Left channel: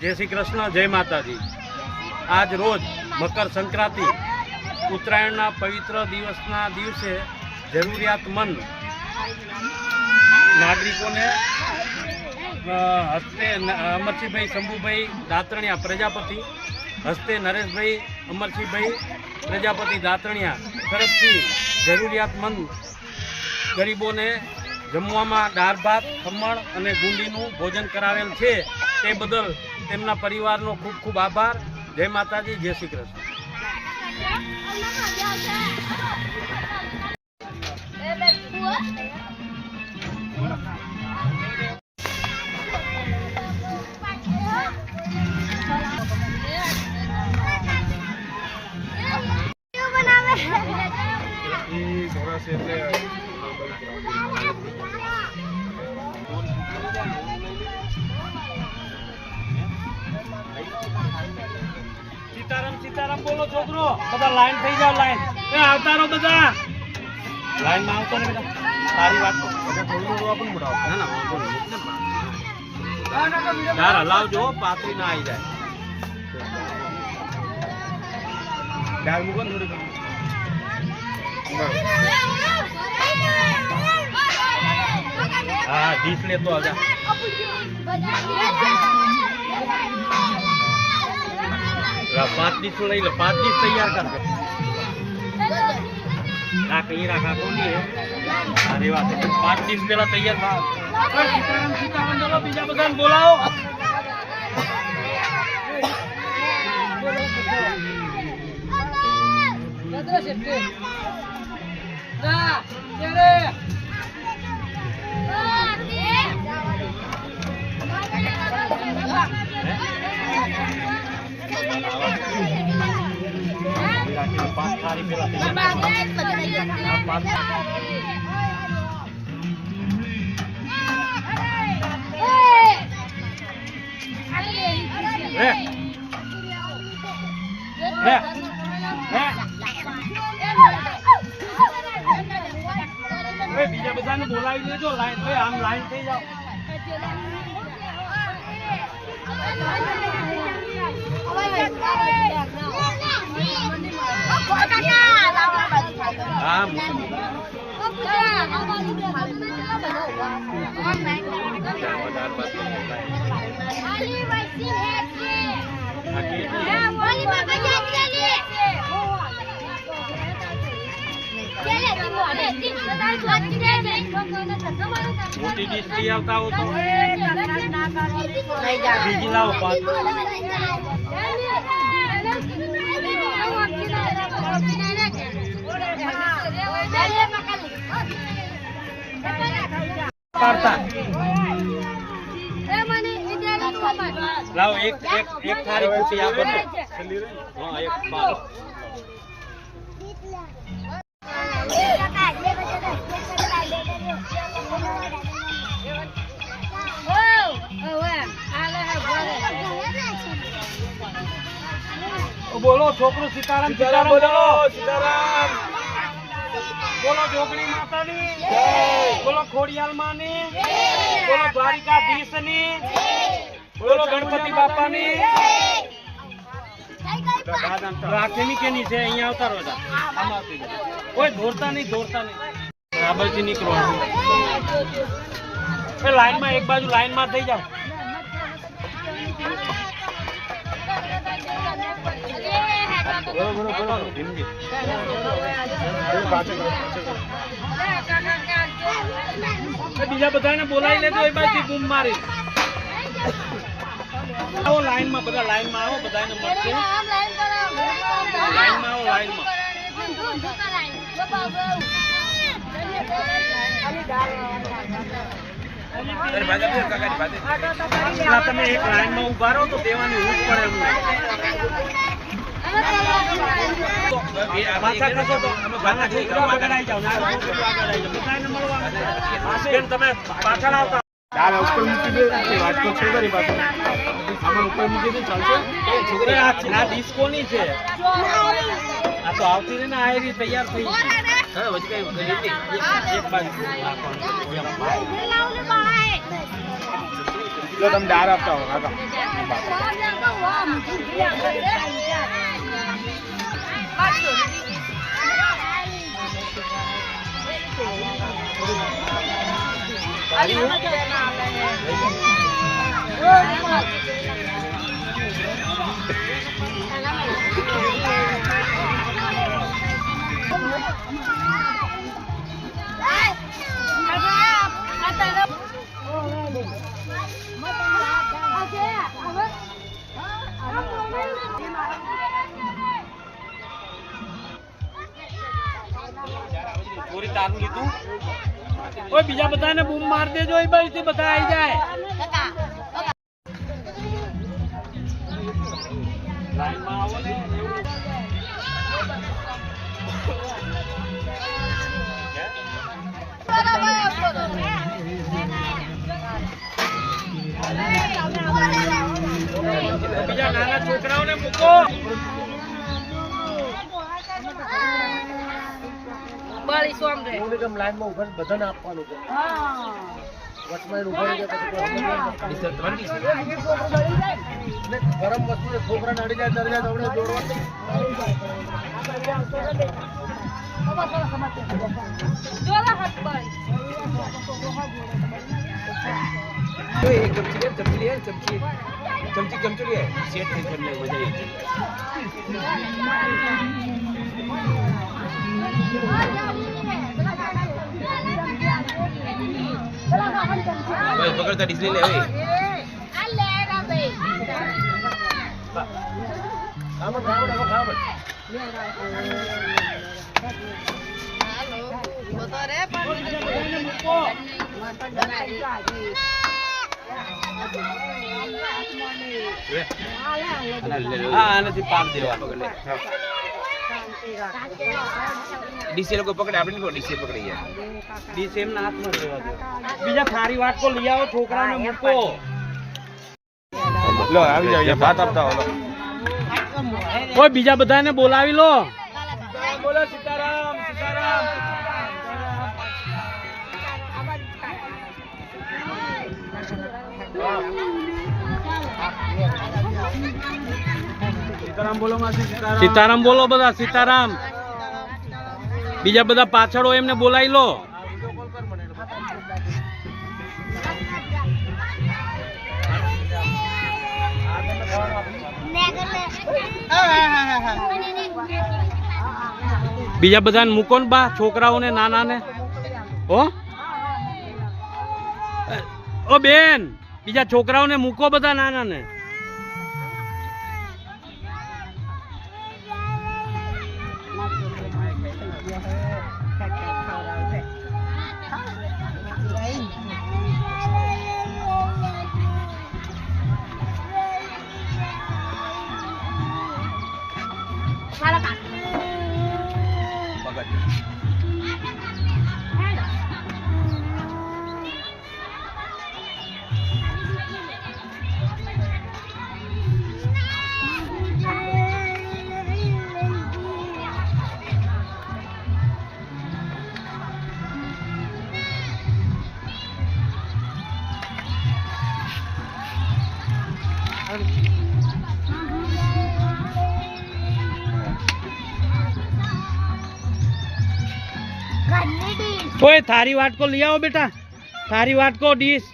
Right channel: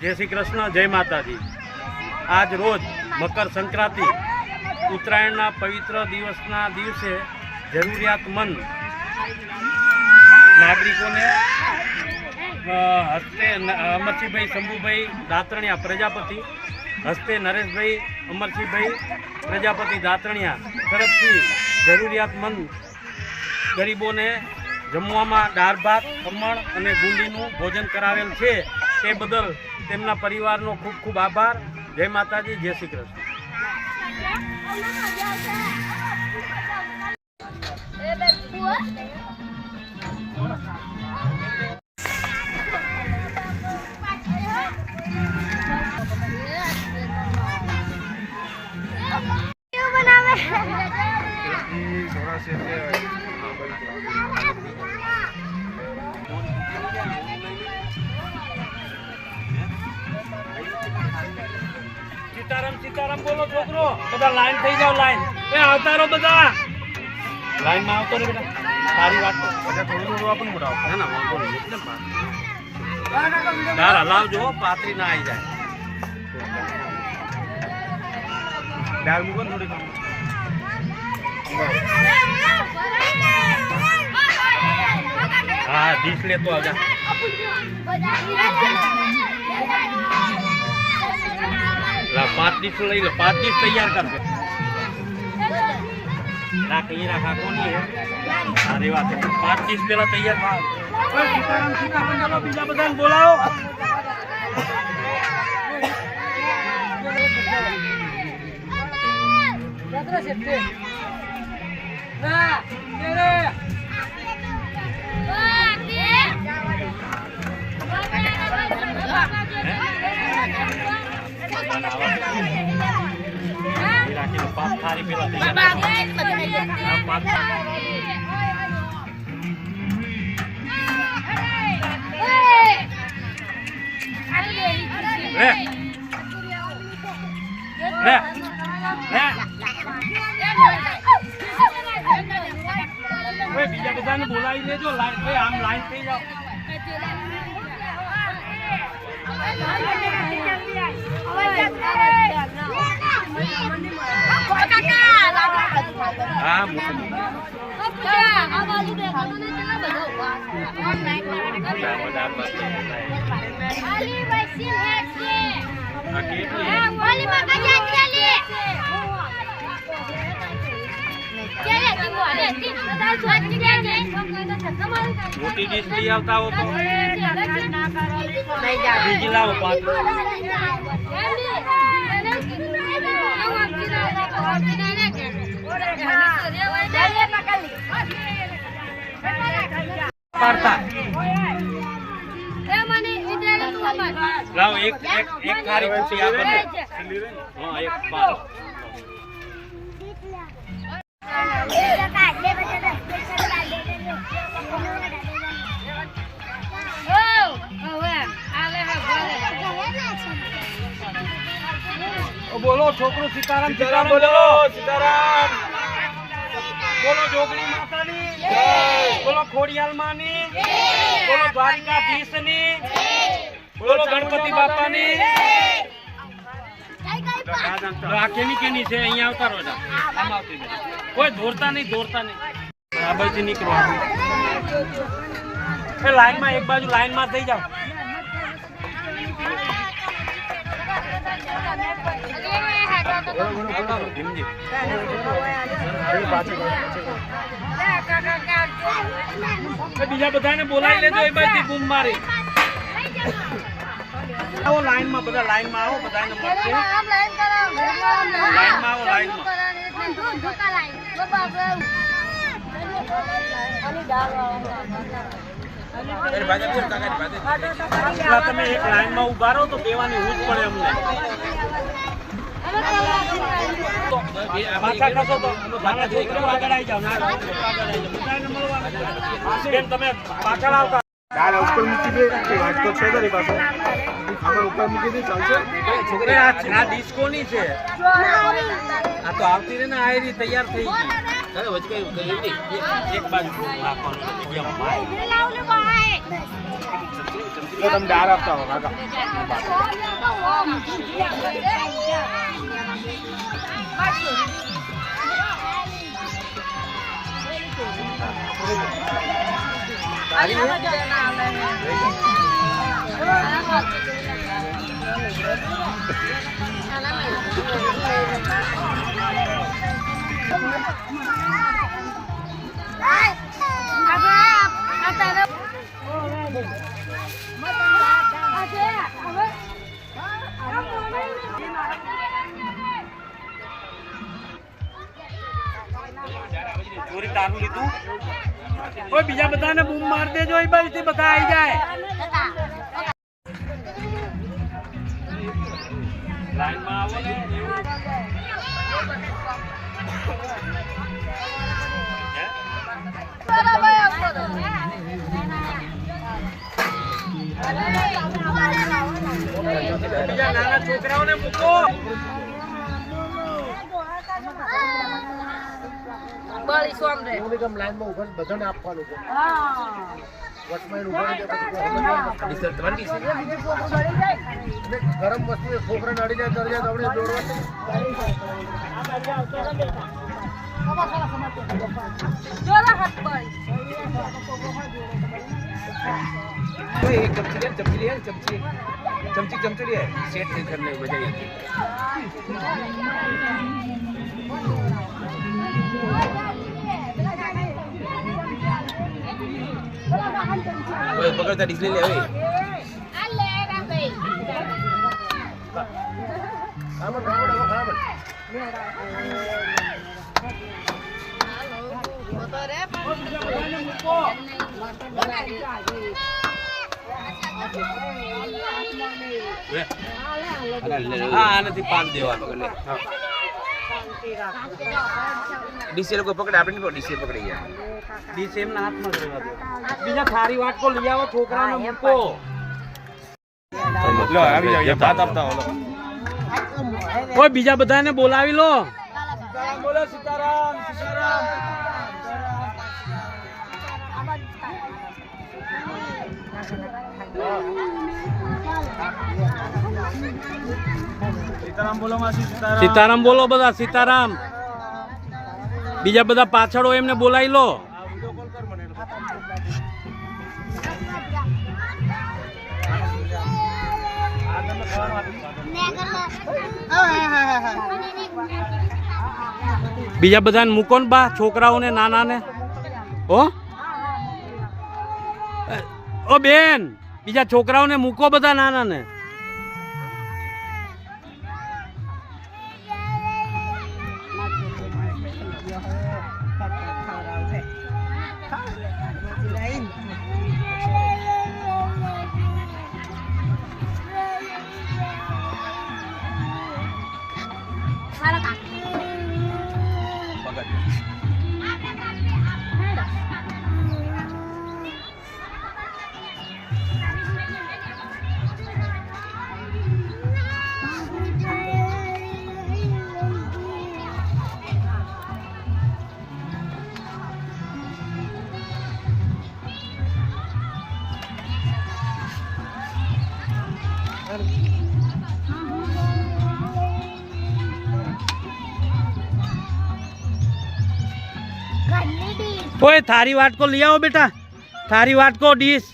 जय श्री कृष्ण, जय माताजी। आज रोज मकर संक्रांति उत्तरायणना पवित्र दिवसना दिवसे जरूरियातमंद नागरिकों ने हस्ते अमरसिंह भाई शंभुभाई दातरणिया प्रजापति, हस्ते नरेश भाई अमरसिंह भाई प्रजापति दातरणिया तरफथी जरूरियातमंद गरीबों ने जमवामां दाळ भात, खमण अने गुंदीनुं भोजन करावेल छे। ते बदल तेमना परिवारनो खूब खूब आभार। जय माताजी, जय श्री कृष्ण। सीताराम बोलो छोकरो, बधा लाइन थई जाओ। लाइन ए आवता रो, बधा लाइन में आवतो रे बेटा। तारी वाट बधा थोडું आपन बुडाओ ना ना बोल एकदम यार हलावजो, पातरी ना आई जाए। डाल मुकन थोड़ी कम। हां दिस ले तो आजा। ला 5 डिश लई ले, 5 डिश तैयार कर दे। ना कहीं रखा कोनी है। अरे वाह, 5 डिश पहला तैयार बात। ओए सीताराम चलो बीजा बधान बोलाओ। गदरा शेटे ना तेरे राखी 5 थारी पेला तैयार। हां 5 रे रे रे ए बीजा बधाने बोलाई लेजो। लाइन पे आम लाइन पे जाओ। हां मोटी डिश नहीं आता हो तो बीजी लाओ। 5 पारता लाओ। एक थारी पूछी आप बताओ। हाँ एक पार बोलो छोकरो। सीताराम बोलो। सीताराम बोलो। जोगणी मातानी बोलो। खोडियाल मानी बोलो। द्वारिकाधीशनी बोलो। गणपति बापानी। केनी केनी छे अहीं आवता रोजा। आम आवती कोई दौड़ता नहीं बराबर थी निकलवानुं। ए लाइन में एक बाजू लाइन में थई जाओ। बीजा बधाने बोलाई लेजो। एक बार बूम मारी आओ। लाइन में बधा लाइन में आओ। बधाने मळशे लाइन में आओ। लाइन में अरे भाजा फिर काका भाजा એટલા તમે એક લાઈન માં ઊભા રહો તો દેવાની ઊંચ પડે અમને। તો પાછા ખસો તો નાના છોકરા આગળ આવી જાવ। ના બધાને મળવાનું બેન તમે પાછળ આવતા। દાળ ઉપર મૂકી દે વાત તો છોડો ની પાછળ આમાં ઉપર મૂકી દે ચાલશે। છોકરા આ ડિસ્કો ની છે। આ તો આવતી રે ને આયરી તૈયાર થઈ ગઈ। એક બાજુ તમે દાર આપતા હો કાકા. ચોરી તારું લીધું. ઓય બીજા બધાને બૂમ માર દેજો, એ બાજુથી બધા આવી જાય. લાઈનમાં આવો ને. બીજા નાના છોકરાઓને મૂકો. લાઈનમાં ઉભા બધાને આપવાનું છે. વચમાં ઉભા રહી જાય પછી ગરમ વસ્તુ છોકરાને અડી જાય તરી જાય તો આપણે चमची लिए सेट करने की वजह ये पकड़ कर डिस्प्ले ले खामन खामन अब खामन ડીસી લોકો પકડે આપણે નહીં ડીસી પકડી ગયા ડીસી એમના હાથમાં રહેવા દો. બીજા થારી વાટકો લઈ આવો, છોકરાને મૂકો. લો આવી જાવ ભાત આપતા હો લો. ઓય બીજા બધાને બોલાવી લો. બોલો સીતારામ સીતારામ બોલો માસી સીતારામ. સીતારામ બોલો બધા, સીતારામ. બીજા બધા પાછળ એમને બોલાવી લો. બીજા બધાને મૂકો ને બા, છોકરાઓને નાનાને. ઓ બેન, બીજા છોકરાઓને મૂકો બધા નાનાને. ओए थारी वाट को ले आओ बेटा, थारी वाट को डिश.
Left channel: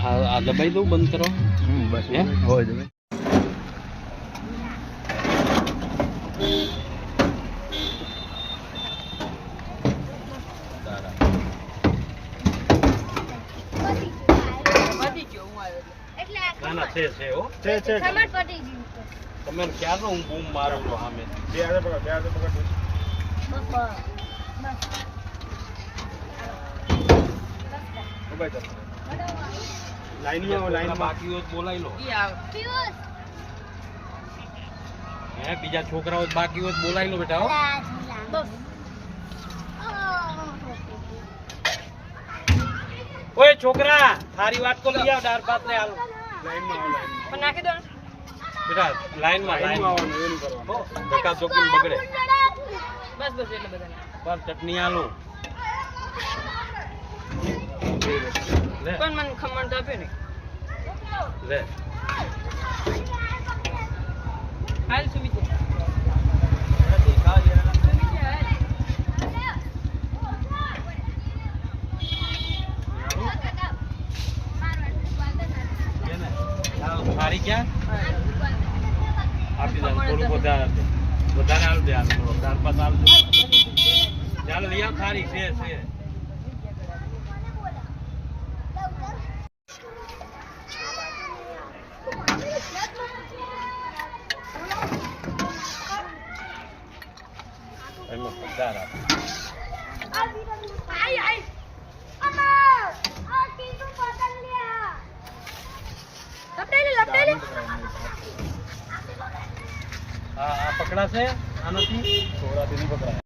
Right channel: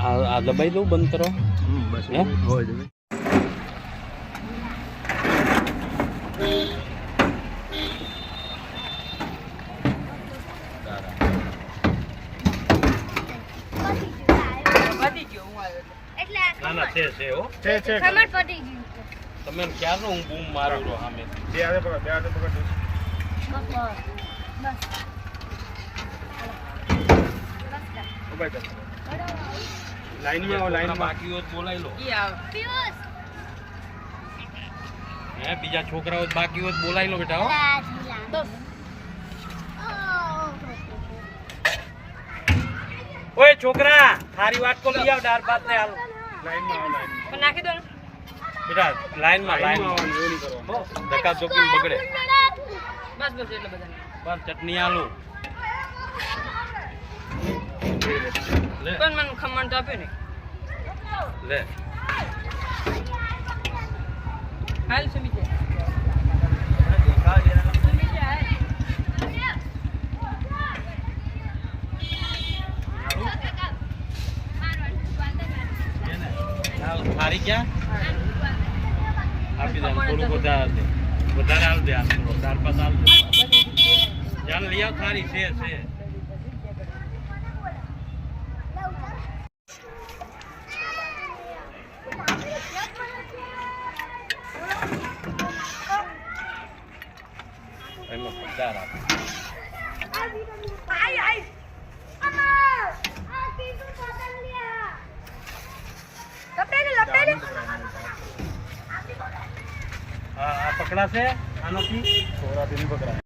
आ दबाई दो, बंद करो. बस हो जाए. ના છે હો છે ખમર પડી ગયું. તમે ક્યાં નો હું બૂમ મારો છો સામે. જે આવે પકડ, બે હાથે પકડ. બસ ઉભા કર. લાઈનમાં આવો, લાઈનમાં બાકી હોત બોલાવી લો. હે બીજા છોકરાઓ બાકી હોત બોલાવી લો બેટા. હો ઓય છોકરા થારી વાટકો લઈ આવ દાળ ભાત ને હાલ પણ નાખી દો ને. બેટા લાઈનમાં આવવાનું એવું નહીં કરવાનું ધક્કા ચોકીને બગડે બસ બસ એટલે બધા બસ ચટણી આલું લે પણ મને ખમણ તો આપ્યો ને. લે હાલ સુમી છે. થારી ક્યાં આપી દે થોડું વધારે હાલ દે હાલ થોડો ચાર પાંચ હાલ દે ચાલ લઈ આવ થારી છે એમાં પગાર આપ હા આ પકડાશે આનાથી થોડાથી નહીં પકડાય